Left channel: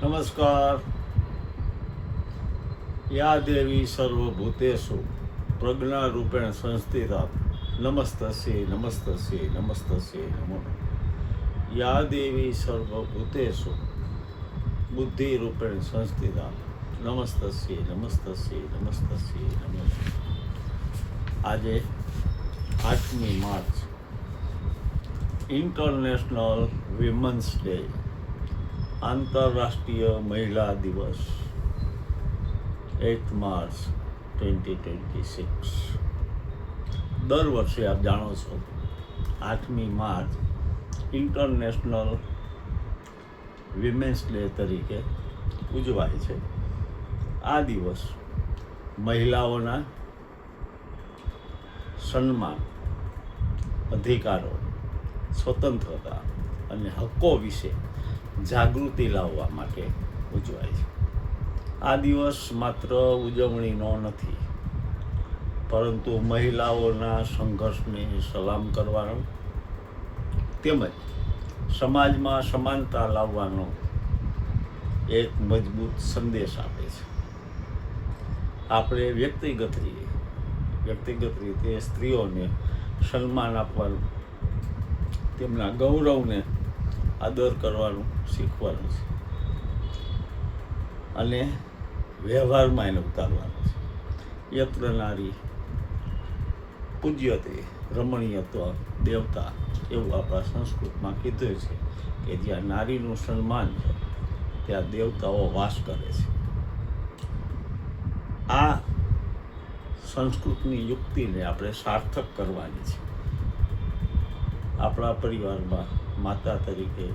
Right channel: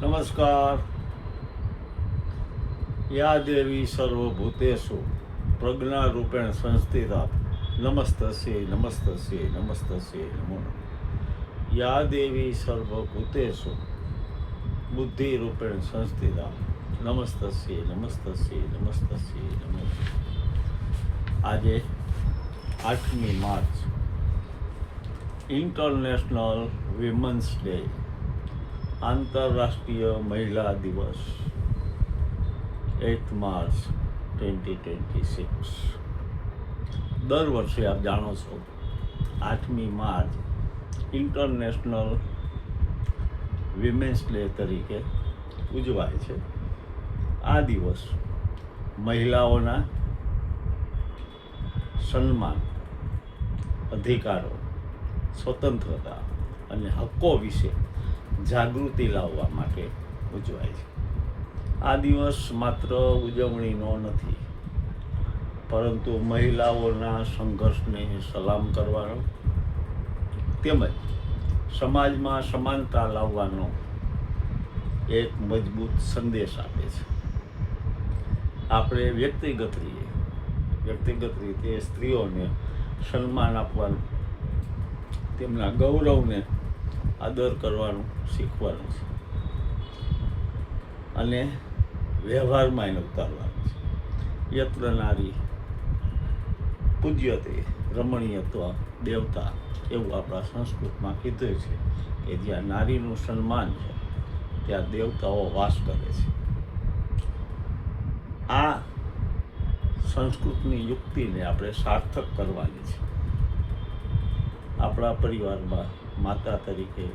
નમસ્કાર. યા દેવી સર્વભૂતેષુ પ્રજ્ઞારૂપેણ સંસ્થિતા નમસ્તસ્યૈ નમસ્તસ્યૈ નમસ્તસ્યૈ નમો નમઃ. યા દેવી સર્વભૂતેષુ બુદ્ધિરૂપેણ સંસ્થિતા નમસ્તસ્યૈ નમસ્તસ્યૈ નમસ્તસ્યૈ નમો નમઃ. આજે 8મી માર્ચ ઇન્ટરનેશનલ વિમન્સ ડે, આંતરરાષ્ટ્રીય મહિલા દિવસ, 8 માર્ચ 2026. દર વર્ષે આપ જાણો છો 8મી માર્ચ ઇન્ટરનેશનલ વિમેન્સ ડે તરીકે ઉજવાય છે. આ દિવસ મહિલાઓના સન્માન, અધિકારો, સ્વતંત્રતા અને હક્કો વિશે જાગૃતિ લાવવા માટે ઉજવાય છે. આ દિવસ માત્ર ઉજવણીનો નથી, પરંતુ મહિલાઓના સંઘર્ષને સલામ કરવાનો તેમજ સમાજમાં સમાનતા લાવવાનો એક મજબૂત સંદેશ આપે છે. આપણે વ્યક્તિગત રીતે સ્ત્રીઓને સન્માન આપવાનું, તેમના ગૌરવને આદર કરવાનું શીખવાનું છે અને વ્યવહારમાં એને ઉતારવાનું છે. યત્ર નારી પૂજ્યતે રમણીયત્વ દેવતા, એવું આપણા સંસ્કૃતમાં કીધું છે કે જ્યાં નારીનું સન્માન છે ત્યાં દેવતાઓ વાસ કરે છે. આ સંસ્કૃતની યુક્તિને આપણે સાર્થક કરવાની છે. આપણા પરિવારમાં માતા તરીકે,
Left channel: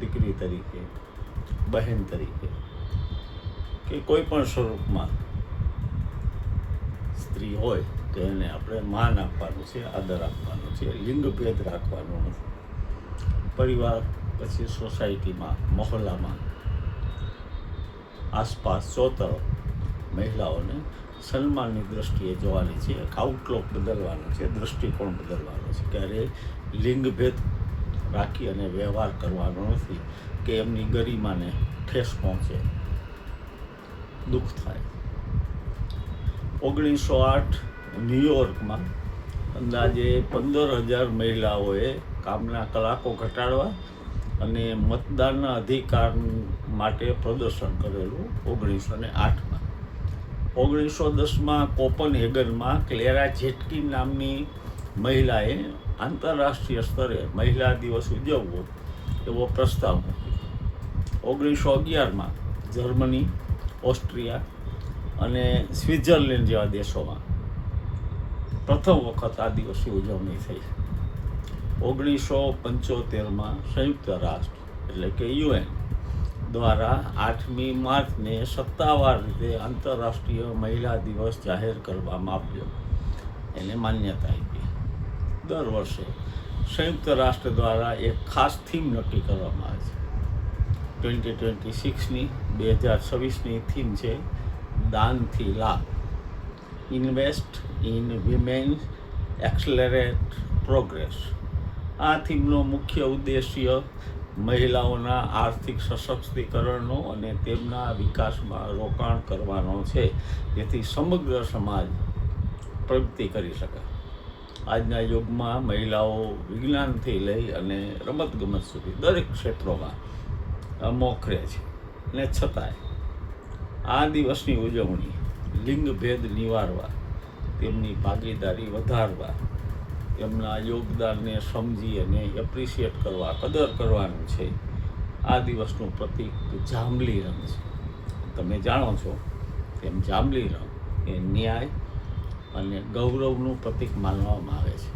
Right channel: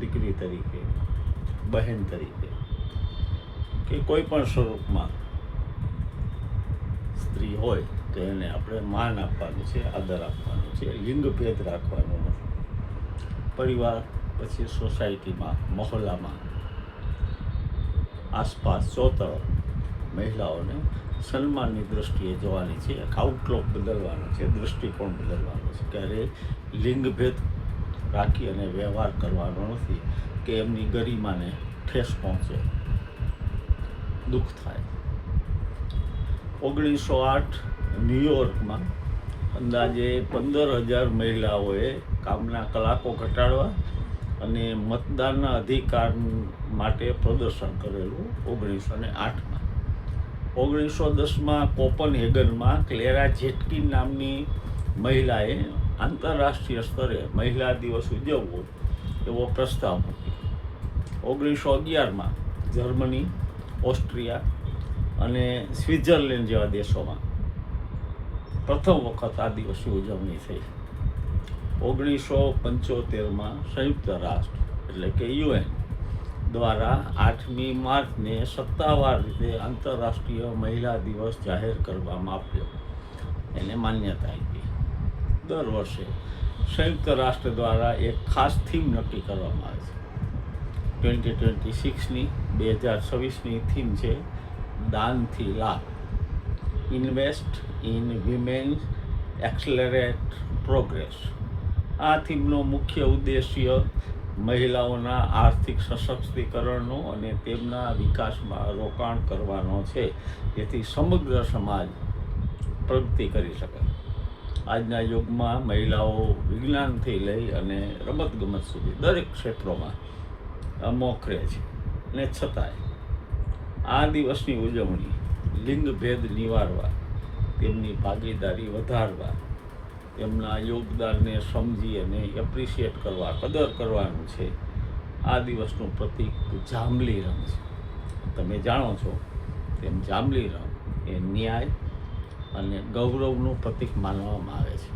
દીકરી તરીકે, બહેન તરીકે કે કોઈ પણ સ્વરૂપમાં સ્ત્રી હોય તો એને આપણે માન આપવાનું છે, આદર આપવાનો છે. લિંગભેદ રાખવાનો નથી. પરિવાર પછી સોસાયટીમાં, મહોલ્લામાં, આસપાસ ચોતરફ મહિલાઓને સન્માનની દૃષ્ટિએ જોવાની છે. એક આઉટલુક બદલવાનો છે, દૃષ્ટિકોણ બદલવાનો છે. ક્યારેય લિંગભેદ રાખી અને વ્યવહાર કરવાનો નથી કે એમની ગરિમાને ઠેસ પહોંચે, દુઃખ થાય. 1908 ન્યૂયોર્કમાં અંદાજે 15,000 મહિલાઓએ કામના કલાકો ઘટાડવા અને મતદાનના અધિકાર માટે પ્રદર્શન કરેલું 1908માં. 1910માં કોપનહેગનમાં ક્લેરા ઝેટકિન નામની મહિલાએ આંતરરાષ્ટ્રીય સ્તરે મહિલા દિવસ ઉજવવો એવો પ્રસ્તાવ મૂક્યો. 1911માં જર્મની, ઓસ્ટ્રિયા અને સ્વિટ્ઝરલેન્ડ જેવા દેશોમાં પ્રથમ વખત આ દિવસની ઉજવણી થઈ. 1975માં સંયુક્ત રાષ્ટ્ર એટલે કે UN દ્વારા 8મી માર્ચને સત્તાવાર રીતે આંતરરાષ્ટ્રીય મહિલા દિવસ જાહેર કરવામાં આવ્યો, એને માન્યતા આપી. દર વર્ષે સંયુક્ત રાષ્ટ્ર દ્વારા એક ખાસ થીમ નક્કી કરવામાં આવે છે. 2026ની 2026ની થીમ છે દાનથી લાભ, ઇન્વેસ્ટ ઇન વિમેન, એક્સલરેટ પ્રોગ્રેસ. આ થીમનો મુખ્ય ઉદ્દેશ્ય મહિલાઓના આર્થિક સશક્તિકરણનો અને તેમના વિકાસમાં રોકાણ કરવાનો છે, જેથી સમગ્ર સમાજ પ્રગતિ કરી શકે. આજના યુગમાં મહિલાઓ વિજ્ઞાનથી લઈ અને રમતગમત સુધી દરેક ક્ષેત્રોમાં મોખરે છે, અને છતાંય આ દિવસની ઉજવણી લિંગભેદ નિવારવા, તેમની ભાગીદારી વધારવા, તેમના યોગદાનને સમજી અને એપ્રિશિએટ કરવા, કદર કરવાનું છે. આ દિવસનું પ્રતીક જાંબલી રંગ છે. તમે જાણો છો તેમ જાંબલી રંગ એ ન્યાય અને ગૌરવનું પ્રતીક માનવામાં આવે છે.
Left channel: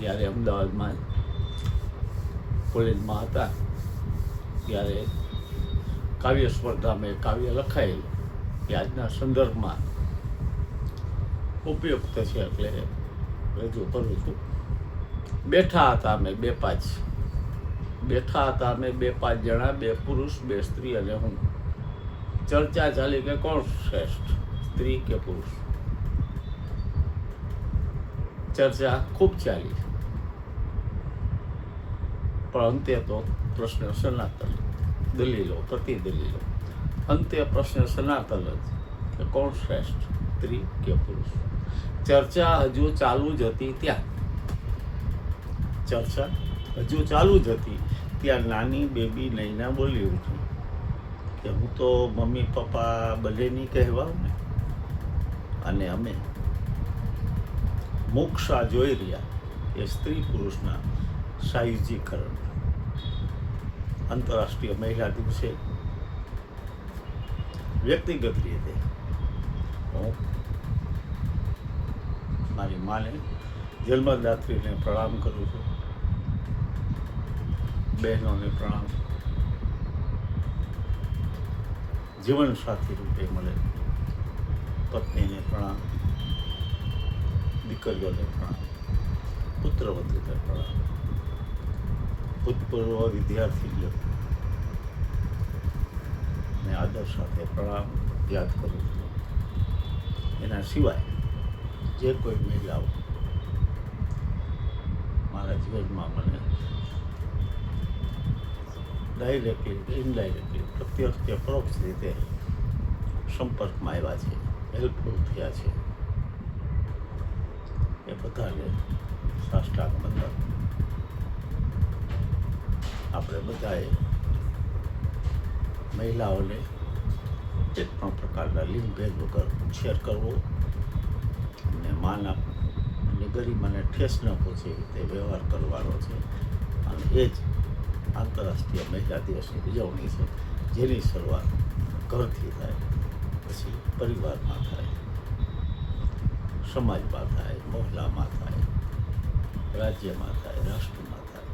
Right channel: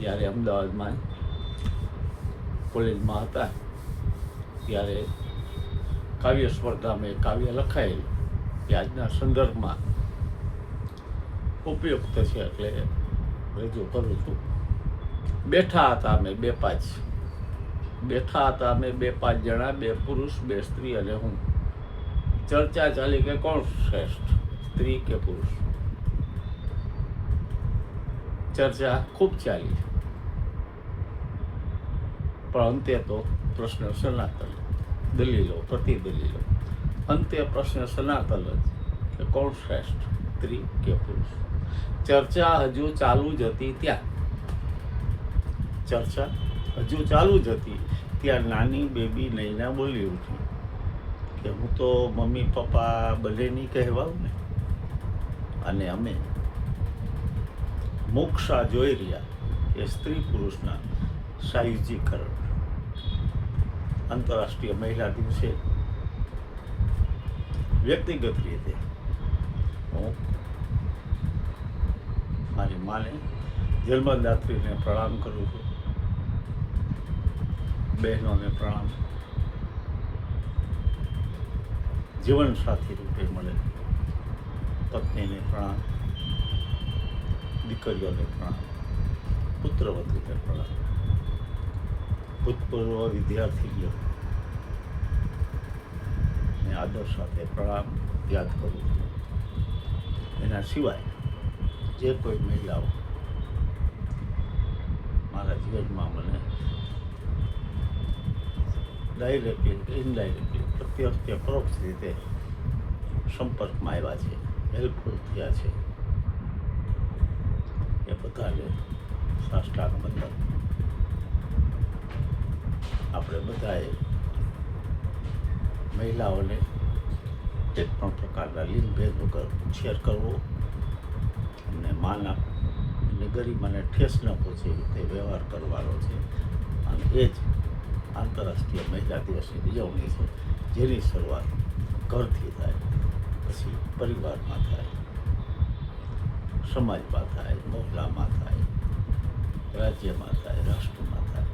જ્યારે અમદાવાદમાં કોલેજમાં હતા ત્યારે કાવ્ય સ્પર્ધામાં કાવ્ય લખાયેલું કે આજના સંદર્ભમાં ઉપયુક્ત છે એટલે રજૂ કરું છું. બેઠા હતા અમે બે પાંચ જણા, 2 પુરુષ 2 સ્ત્રી અને હું. ચર્ચા ચાલી કે કોણ શ્રેષ્ઠ, સ્ત્રી કે પુરુષ. ચર્ચા ખૂબ ચાલી, પણ અંતે તો પ્રશ્ન સનાતન દલીલો, પ્રતિદલીલો. અંતે પ્રશ્ન સનાતન જ કે કોણ શ્રેષ્ઠ, સ્ત્રી કે પુરુષ? ચર્ચા હજુ ચાલુ જ હતી ત્યાં નાની બેબી નૈના બોલી ઉઠી કે હું તો મમ્મી પપ્પા બંનેની કહેવાઉં ને, અને અમે મોક્ષા જોઈ રહ્યા કે સ્ત્રી પુરુષના સાયુજીકરણ. આંતરરાષ્ટ્રીય મહિલા દિવસે વ્યક્તિગત રીતે હું મારી માને જન્મદાત્રીને પ્રણામ કરું છું, બહેનોને પ્રણામ, જીવન સાથી રૂપે મળે પત્નીને પ્રણામ, દીકરીઓને પ્રણામ, પુત્રવધૂને પ્રણામ, ભૂતપૂર્વ વિદ્યાર્થીઓ ને આદર સાથે પ્રણામ યાદ કરું છું. એના સિવાય જે કોઈ મહિલાઓ મારા જીવનમાં મને ડાયરેક્ટલી ઇનડાયરેક્ટલી પ્રત્યક્ષ કે પરોક્ષ રીતે સંપર્કમાં આવ્યા છે, હેલ્પફુલ થયા છે, એ બધાને સાષ્ટાંગ વંદન. આપણે બધાએ મહિલાઓને એક પણ પ્રકારના લિંગ ભેદ વગર ઉછેર કરવો અને માન આપવું અને ગરિમાને ઠેસ ન પહોંચે તે વ્યવહાર કરવાનો છે. અને એ જ આંતરરાષ્ટ્રીય મહિલા દિવસની ઉજવણી છે, જેની શરૂઆત ઘરથી થાય, પછી પરિવારમાં થાય, સમાજમાં થાય, મહોલ્લામાં થાય, રાજ્યમાં થાય, રાષ્ટ્રમાં થાય,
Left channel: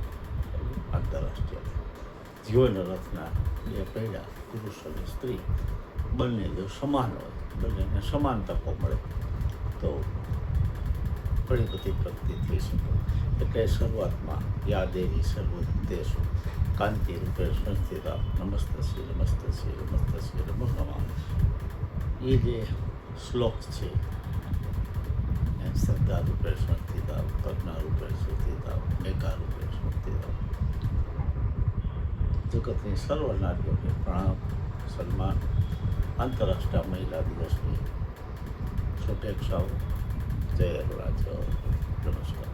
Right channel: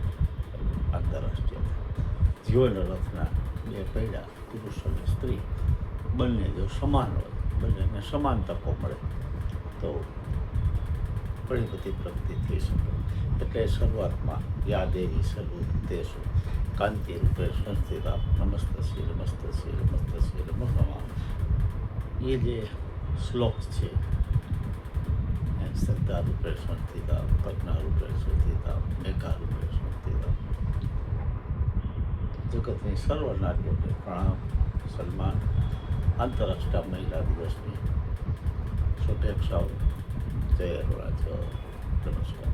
આંતરરાષ્ટ્રીય થાય. જીવન રથના બે પૈડા પુરુષ અને સ્ત્રી બંને જો સમાન હોય, બંનેને સમાન તકો મળે તો ઘણી બધી પ્રગતિ થઈ શકે. એટલે શરૂઆતમાં યા દેવી સર્વભૂતેષુ કાંતિ રૂપે સંસ્થિતા નમસ્તસ્ય નમસ્તસ્ય નમસ્તસ્ય નમો નમઃ, એ જે શ્લોક છે, શ્રદ્ધા રૂપે સંસ્થિતા, પ્રજ્ઞા રૂપે સંસ્થિતા, મેઘા રૂપે સંસ્થિતા, જગતની સર્વ નારીઓને પ્રણામ, સન્માન. આંતરરાષ્ટ્રીય મહિલા દિવસની શુભેચ્છાઓ. જય અરુણાચલ. નમસ્કાર.